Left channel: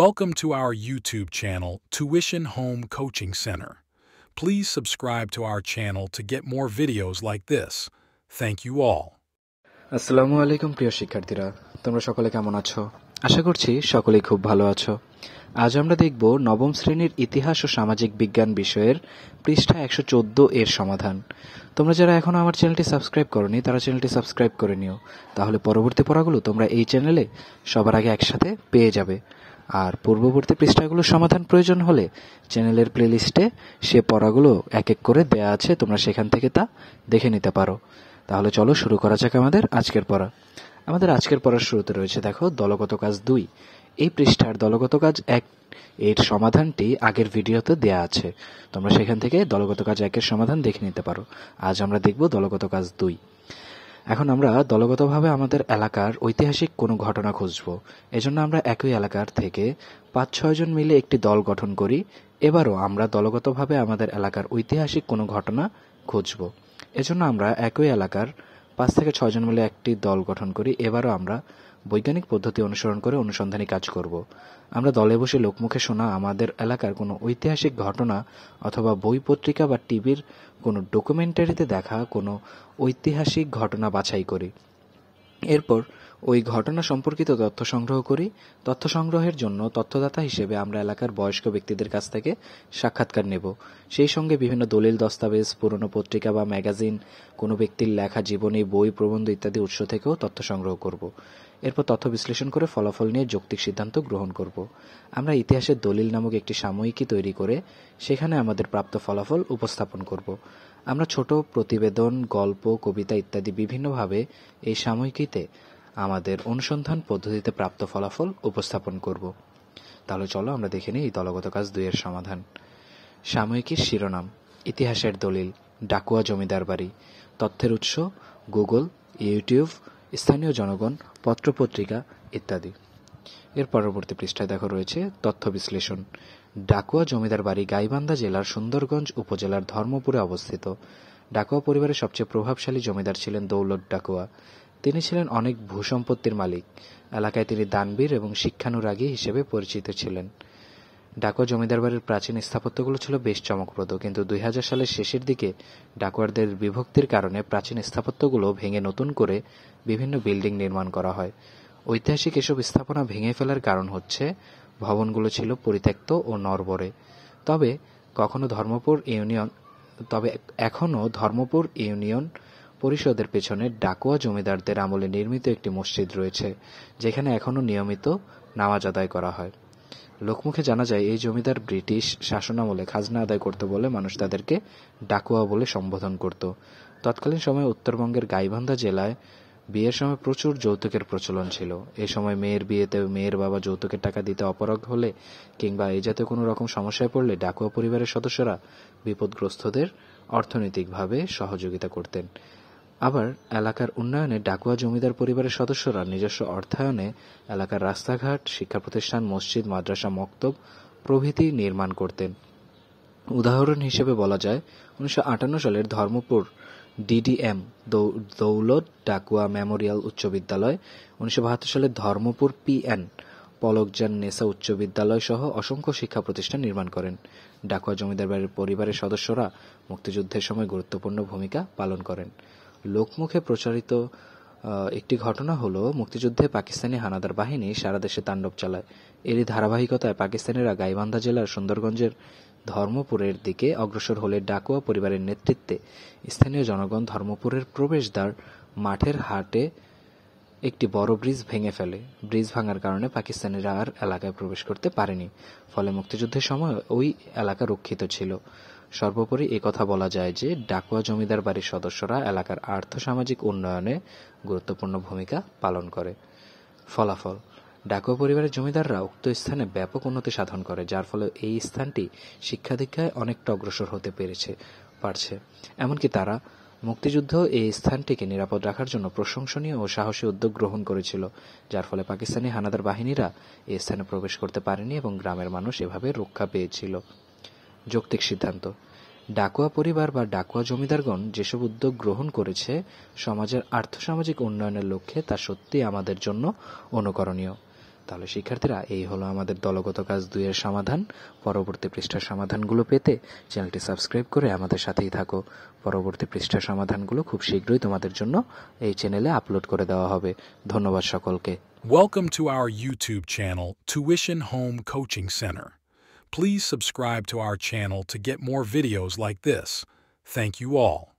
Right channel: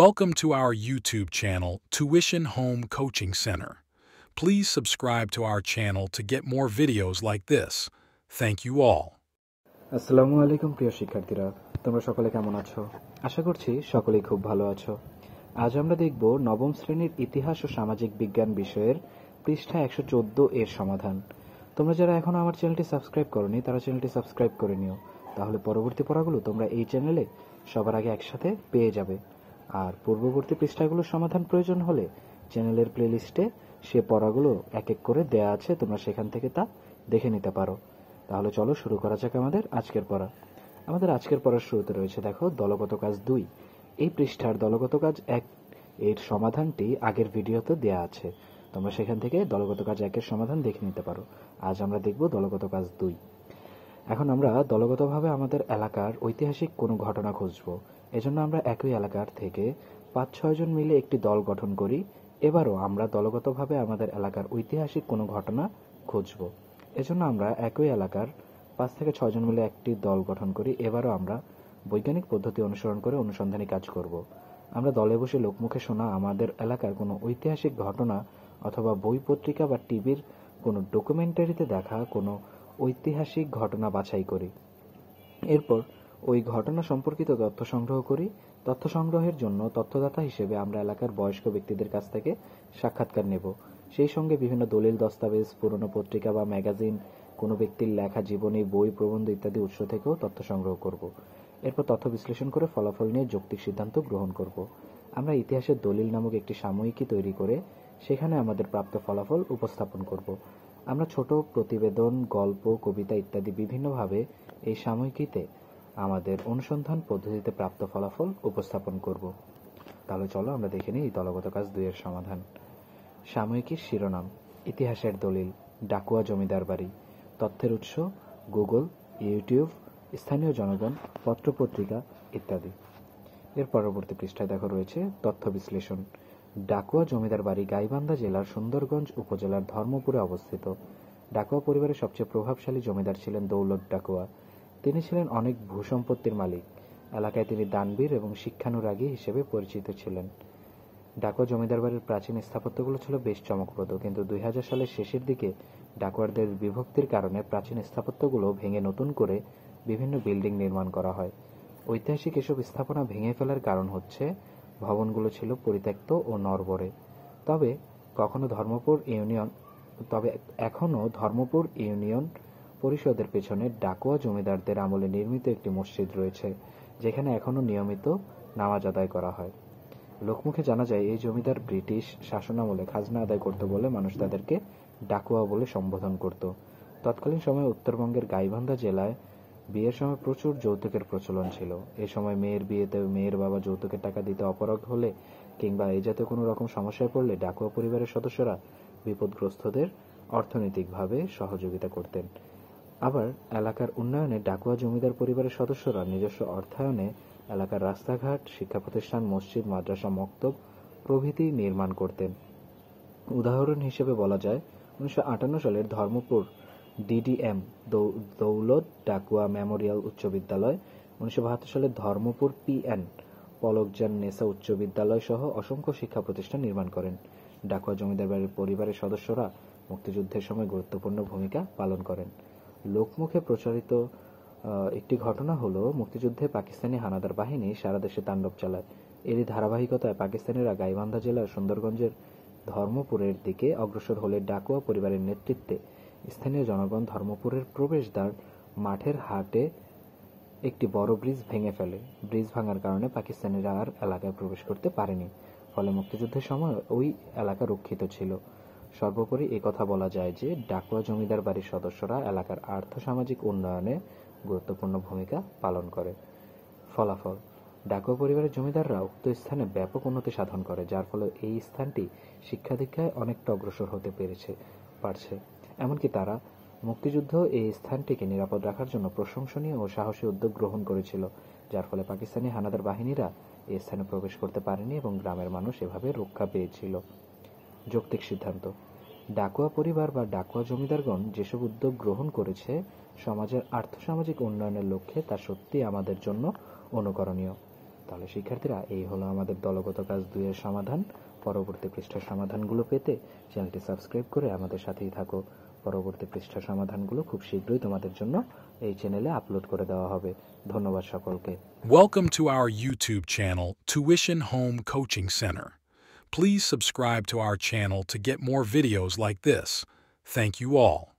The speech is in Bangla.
Welcome to our YouTube channel, Tuition Home Coaching Center. Please subscribe to our channel to get more videos like this. Thank you all. আসসালামু আলাইকুম প্রিয় শিক্ষার্থীরা, তোমরা সকলে কেমন আছো? আশা করছি সকলেই খুব ভালো আছো। আজ আমরা দেখব নবম শ্রেণীর ইতিহাস ও সামাজিক বিজ্ঞান বিষয়ের পৃষ্ঠা 114 এর সমাধান। তোমরা যারা এখনো আমার চ্যানেলটি সাবস্ক্রাইব করোনি তারা চ্যানেলটি সাবস্ক্রাইব করে নিও, তাহলে পরবর্তী পড়াগুলো তোমরা এই চ্যানেলে সবার আগে একসাথে পেয়ে যাবে। আর পূর্ববর্তী পৃষ্ঠাগুলোর সমাধান প্রয়োজন হলে চ্যানেলের প্লেলিস্টে সে পড়াগুলো এক এক করে দেয়া আছে, তোমরা সেখান থেকে তা দেখে নিতে পারো। তাহলে চলো শুরু করা যাক আমাদের আজকের পড়া। আমাদের আজকের পড়ার শুরুতে রয়েছে দেখো দলগত কাজ 2। এই পৃষ্ঠার দলগত কাজ 1 এর সমাধানটি আগের ভিডিওতে দেয়া আছে, তোমরা সেখান থেকে দলগত কাজ 1 এর সমাধান দেখে নিতে পারো। আজ আমরা দেখব দলগত কাজ 2। এখন আমরা দলগতভাবে আমাদের এলাকার ঐতিহাসিক কোনো ঘটনা খুঁজব। এজন্য আমরা একই এলাকার থেকে 5-6 জন মিলে একটি দল গঠন করি। এবারও আমরা দলগতভাবে আমাদের এলাকার ঐতিহাসিক কোনো ঘটনা খুঁজব। এজন্য আমরা একই এলাকার 5 থেকে 6 জন মিলে একটি দল গঠন করি। এবারও আমরা বৈজ্ঞানিক পদ্ধতি অনুসরণ করে অনুসন্ধানী কাজ করব। আমরা দলে বসে লোকমুখে শোনা আমাদের এলাকার কোনো ঐতিহাসিক ঘটনা অথবা বই পত্রিকা বা টিভির কোনো ডকুমেন্টারিতে দেখা কোনো ঐতিহাসিক ঘটনা বাছাই করি। এরপর ওই ঘটনা সম্পর্কিত তথ্য সংগ্রহ করি। তথ্য সংগ্রহের জন্য তথ্যদাতা হিসেবে আমরা এলাকার বয়স্ক ব্যক্তিদের কাছ থেকে সাক্ষাৎকার নেব। সেই সঙ্গে বিভিন্ন দলিল, দস্তাবেজ, পুরনো পত্রিকা বা ম্যাগাজিন, কোনো ব্যক্তির লেখা জীবনী, বই, প্রবন্ধ ইত্যাদি উৎস থেকেও তথ্য সংগ্রহ করব। এরপর তথ্য বিশ্লেষণ করে ফলাফল নিয়ে যৌক্তিক সিদ্ধান্ত গ্রহণ করব। আমরা ইতিহাসের দলিল নামক একটি সাময়িকী তৈরি করে সেখানে আমাদের প্রাপ্ত ফলাফল উপস্থাপন করব। আমরা ছোট প্রতিবেদন, গল্প, কবিতা ইত্যাদি বিভিন্নভাবে এই সাময়িকীতে আমাদের অনুসন্ধান পদ্ধতিতে প্রাপ্ত ফলাফল উপস্থাপন করব। তাহলে চলো আমরা দেখে নিই এই দলগত কাজ 2 এর সমাধান। সাময়িকীর শিরোনাম: ইতিহাসের দলিল, ডাকুয়া জমিদার বাড়ি। তথ্যের উৎস: গুগল, ইউটিউব, স্থানীয় জনগণ, পত্রপত্রিকা ইত্যাদি। এর পরবর্তী পৃষ্ঠায় দেখো রয়েছে তথ্য বিশ্লেষণ। ডাকুয়া জমিদার বাড়ি গাইবান্ধা জেলার সুন্দরগঞ্জ উপজেলার ধর্মপুরে অবস্থিত। ডাকুয়া পরিবারের সবচেয়ে প্রভাবশালী জমিদার ছিলেন দৌলত ডাকুয়া। তিনি ছিলেন অনেক ভূসম্পত্তির মালিক। এলাকায় তিনি দানবীর এবং শিক্ষানুরাগী হিসেবে পরিচিত ছিলেন। ডাকুয়া জমিদার বাড়ির প্রাচীন স্থাপত্যগুলো ছিল বেশ চমকপ্রদ, কিন্তু 2000 সালের শেষের দিকে ডাকুয়ারদের বিভক্তির কারণে প্রাচীন স্থাপত্যগুলো ভেঙে নতুন করে বিভিন্ন বিল্ডিং নির্মাণ করা হয়। ঐতিহাসিক এসব স্থাপনা ভেঙে ফেলার কারণ হচ্ছে ভবনগুলো ছিল পরিত্যক্ত ও নড়বড়ে। তবে এখনও ধর্মপুর ইউনিয়ন পরিষদের পেছনে ডাকুয়া জমিদারদের আমলে নির্মিত একটি মসজিদ রয়েছে, যেখানে এখনও নিয়মিত নামাজ আদায় করা হয়। লোকমুখে জানা যায় এই জমিদার ব্রিটিশ শাসনামলে খাজনা আদায় করতে বলে মানুষ তাদেরকে ডাকুয়া বলে সম্বোধন করত। তৎকালীন সময়ে উত্তরবঙ্গের গাইবান্ধা জেলায় বিয়ের সময় প্রচুর যৌতুকের প্রচলন ছিল। এই সময় মেয়ের বিয়েতে মেয়ের বাবা যৌতুকের টাকা দিতে অপারগ হলে কিংবা এই জাতীয় কোনো রকম সমস্যায় পড়লে ডাকুয়া পরিবারের সদস্যরা বিপদগ্রস্তদের অর্থনৈতিকভাবে সহযোগিতা করতেন। আবার এলাকার উন্নয়নে ডাকুয়া জমিদার পরিবারের সদস্যরা নিজস্ব অর্থায়নে এলাকার রাস্তাঘাট, শিক্ষা প্রতিষ্ঠান, মসজিদ, মাদ্রাসা, মক্তব প্রভৃতি নির্মাণ করতেন। উদাহরণ হিসেবে বলা যায় 1958 সালের ধর্মপুর ডিডিএম দৌলত ডাকুয়া মেমোরিয়াল উচ্চ বিদ্যালয়, 1972 সালের ধর্মপুর পিএন পলকজান নেসা উচ্চ বিদ্যালয় সহ অসংখ্য শিক্ষা প্রতিষ্ঠান নির্মাণ করেন। ডাকুয়া জমিদার বাড়ির পরিবারের সদস্যরা মুক্তিযুদ্ধের সময় গুরুত্বপূর্ণ ভূমিকা পালন করেন। লোকমুখে প্রচারিত একটি ঘটনা হলো মুক্তিযুদ্ধে পাকিস্তানি হানাদার বাহিনী সারা দেশে তাণ্ডব চালায়। এরই ধারাবাহিকতায় পাকিস্তানিরা গাইবান্ধা জেলার সুন্দরগঞ্জের ধর্মপুরের দিকে অগ্রসর হলে ডাকুয়া পরিবারের নেতৃত্বে স্থানীয় জনগণ ধর্মপুরের প্রবেশদ্বার মাঠের হাটে একটি বড় ব্রিজ ভেঙে ফেলে। ব্রিজ ভাঙার কারণে পাকিস্তানিরা আর এলাকায় প্রবেশ করতে পারেনি, ফলে মুক্তিযুদ্ধের সময় ওই এলাকা রক্ষিত ছিল। সর্বোপরি কথা বলা যায় যে ডাকুয়া জমিদার বাড়ির সদস্যরা এলাকার আর্থ-সামাজিক উন্নয়নে গুরুত্বপূর্ণ ভূমিকা পালন করে। ফলাফল: ডাকুয়া পরিবারের জমিদাররা উক্ত স্থানে ব্যাপক উন্নতি সাধন করে, যার ফলে এই স্থানটি শিক্ষা দীক্ষায় অনেকটা অগ্রসর হতে পারছে। এমনকি তারা মুক্তিযুদ্ধ এই স্থানটিকে নিরাপদ রাখার জন্য প্রশংসনীয় ও সাহসী উদ্যোগ গ্রহণ করেছিল, যার ফলে পাকিস্তানি হানাদার বাহিনীরা এই স্থানে প্রবেশ করতে পারেনি এবং গ্রামের মানুষ এভাবে রক্ষা পেয়েছিল। যৌক্তিক সিদ্ধান্ত: ডাকুয়া পরিবার বা ডাকুয়া জমিদারগণ যেসব উদ্যোগ গ্রহণ করেছে সমাজের আর্থসামাজিক উন্নয়নের লক্ষ্যে তা সত্যিই আমাদের জন্য অনুকরণীয়। তাহলে শিক্ষার্থীরা, এই হলো আমাদের দলগত কাজ 2 এর সমাধান। পরবর্তী পৃষ্ঠার সমাধানগুলো পেতে চ্যানেলটি সাবস্ক্রাইব করে আমাদের সাথেই থাকো। পরবর্তী পৃষ্ঠার সমাধানগুলো খুব শীঘ্রই তোমাদের জন্য এই চ্যানেলে আপলোড করে দেওয়া হবে। ধন্যবাদ সকলকে। Welcome to our YouTube channel, Tuition Home Coaching Center. Please subscribe to our channel to get more videos like this. Thank you all.